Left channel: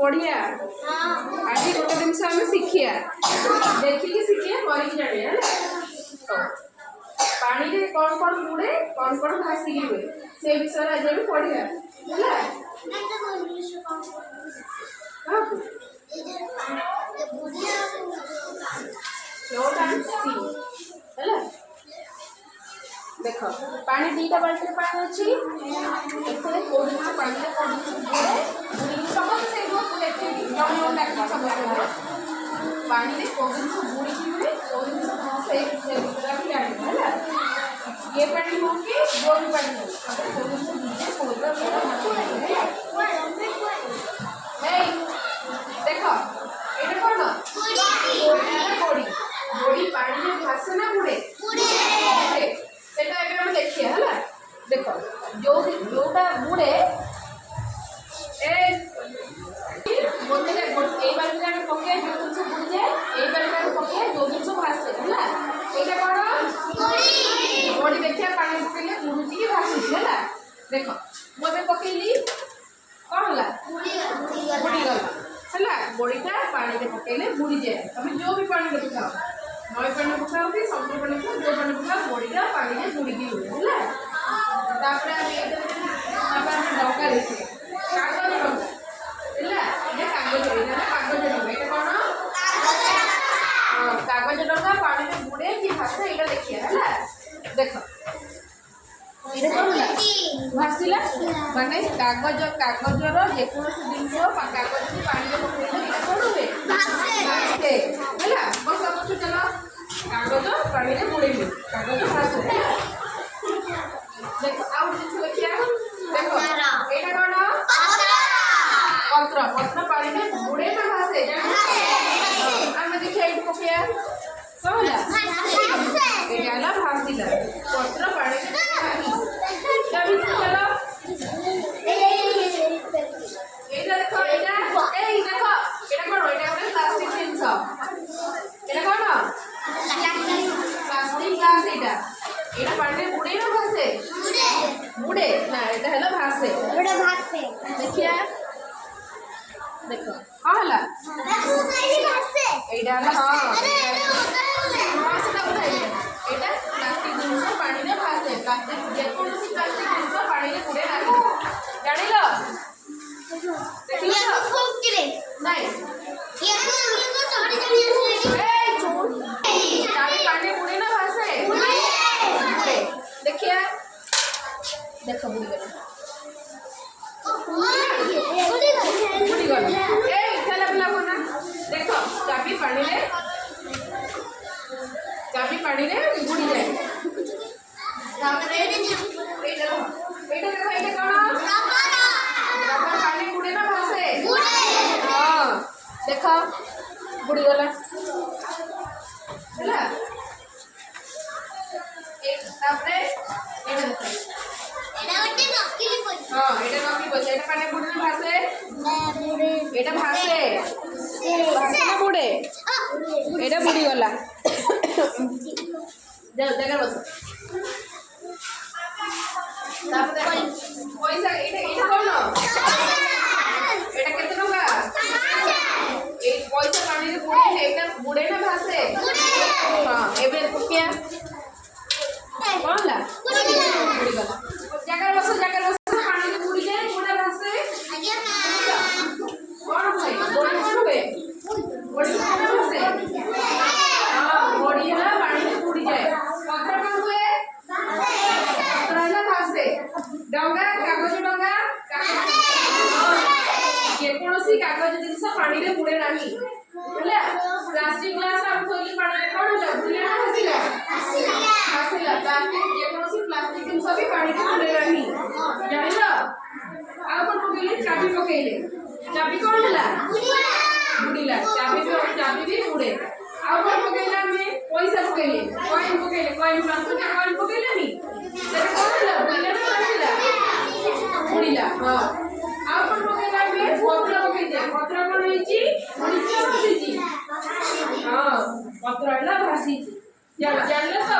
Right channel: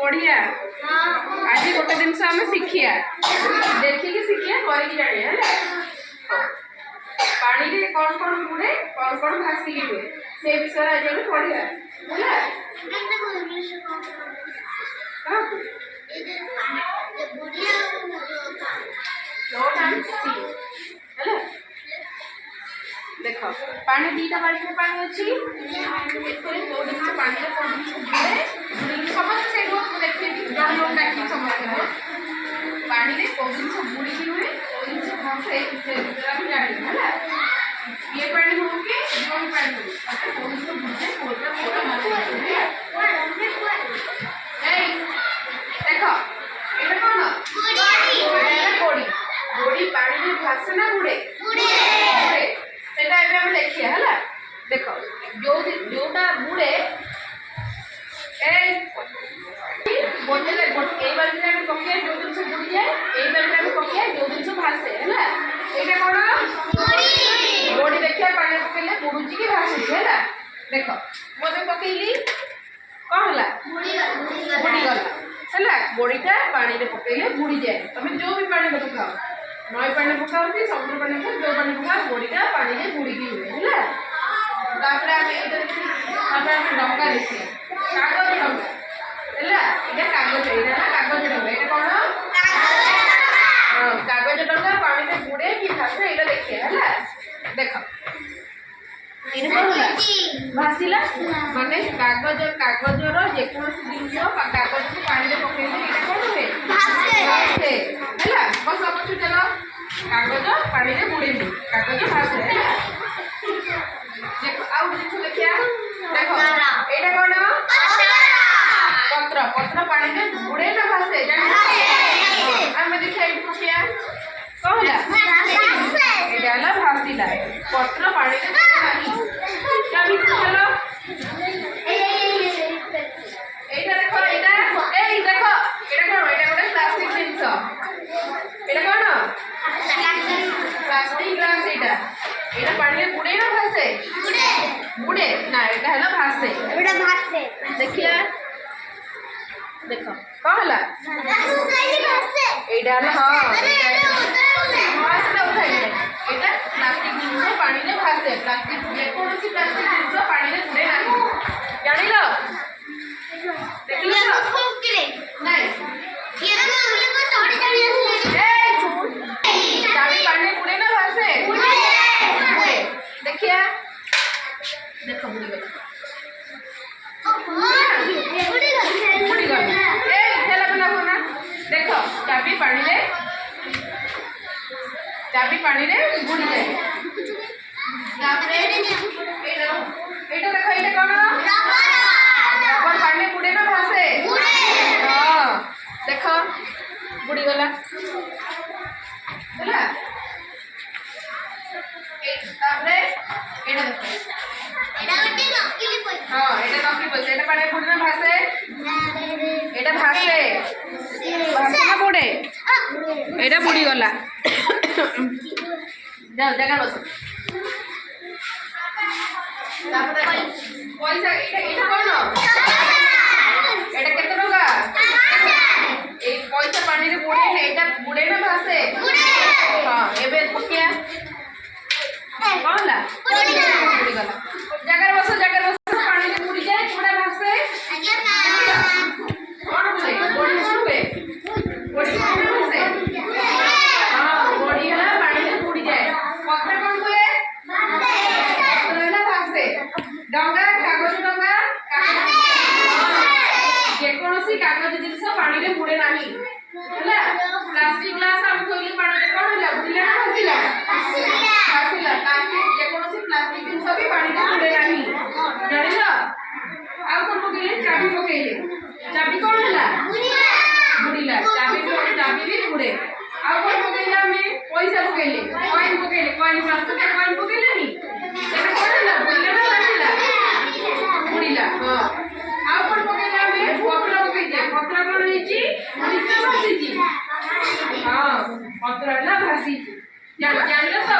पढ़िया आज गोटे जिन आम शिखिया देखिए शिखिया करके जानिया पानी रे कौन कौन बुड़े कौन कौन भासिक हुए से विषय आज हम पढ़िया देख पानी दीटा बाल्टी पानी अच्छी पानी समस्त पानी में कौ जिन बुड़ी हुए कौ जिन भाषे जाना ये पानी हो कि जो भी पानी हो देख ये कौन गोड़ी गोड़ी पानी में भाषे ना बुड़े देखिए है देख जोटा बुड़े बाल्टी पकड़े जो जिन बुड़ी जाए ये बाल्टी पकड़े जो जिन भाषे है ये कौन गोड़ी देखिए पानी पकड़े बुड़ुची कि भाषुची है देख मुझे पकईली कौन है बुड़ीगला है गोड़ीटा पानी में पकड़े बुड़ी जाए तुम जो भी पानी में पकाओ नई पानी पकाओ कि समुद्र पानी को जो पानी पकाओ गोड़ीटा पानी में बुड़ीकी हुए है डंगा देखिए कागज डंगा है कागज कागज डंगा ये कौन कागज डंगा पानी में बुड़े कि भाषे ये देखिए है देख ये कौन भाषिला माने कागज कागजर जेकोसी जिन कागज को पानी में पकड़े कौन हुए भाषे है बस समझ चलो कागज पानी में बुड़े कागज भाषे देखो आउ जिन देखिया देखो एटा कौन पत्र पत्र पानी में बुड़े ना भाषे आम देखिए ये पकिया कौन है भाषिला पत्र पानी में क्या भी चलो एटा देखो एटा ए देखो एटा कौन एटा गोटे प्लास्टिक जिंस एटा कौन प्लास्टिक ग्लास एटा पानी में बुड़े ना भाषे बुड़े ना एटा है भाषे देखिए देखो कौन है एटा एटा प्लास्टिक जिन पानी में भाषे प्लास्टिक जेकोसी प्लास्टिक जिन पानी में बुड़े ना जान पानी बुड़े ना भाषे देखिए देख बुड़ी गला देख चाबी पानी रे बुड़ी जाए एटा देखो ये कौन रबर पानी बुड़े ना भाषे हाँ देख बुड़ी गला है हाँ ये नकली पैसा ये पानी बुड़े ना भाषे ये भाषे भाषे बुड़े ये बुड़ी गला जाओ जगह बस पैसा ये कौन एटा केते टंका ए पैसा पानी रे बुड़े है एटा बुड़े ना भाषे हाँ एबे पकिया कौन ला बुड़ी गला जगह बस पानी रे बुड़ी जाए बुड़ा भाषे कौन भाई बुड़ी हुए बुड़ी भाषे हां बुड़ी है पानी में बुड़ी जाए पत्र कौन हुए भाषे डंगा कागज डंगा जेकोसी कागज जिनस पानी में बुड़े नहीं है प्लास्टिक ग्लास हम थोली पानी में कौन होला बुड़े ना भाषिला प्लास्टिक जेकोसी प्लास्टिक जिनस भी पानी में बुड़े नहीं जानिल आ कौन पकेले चाबी कौन होला बुड़ीला चाबी भी बुड़े आ कौन पकेला में पैसा पकेले कॉइन प्लास्टिक कॉइन पकेले नी सेटा कौन होला बुड़ीला ना भाषिला बुड़ीला हां आ कौन पकेला में पत्र पकेले पत्र कौन होईची भाषिची हां पत्र होला भाषिची जानिल तो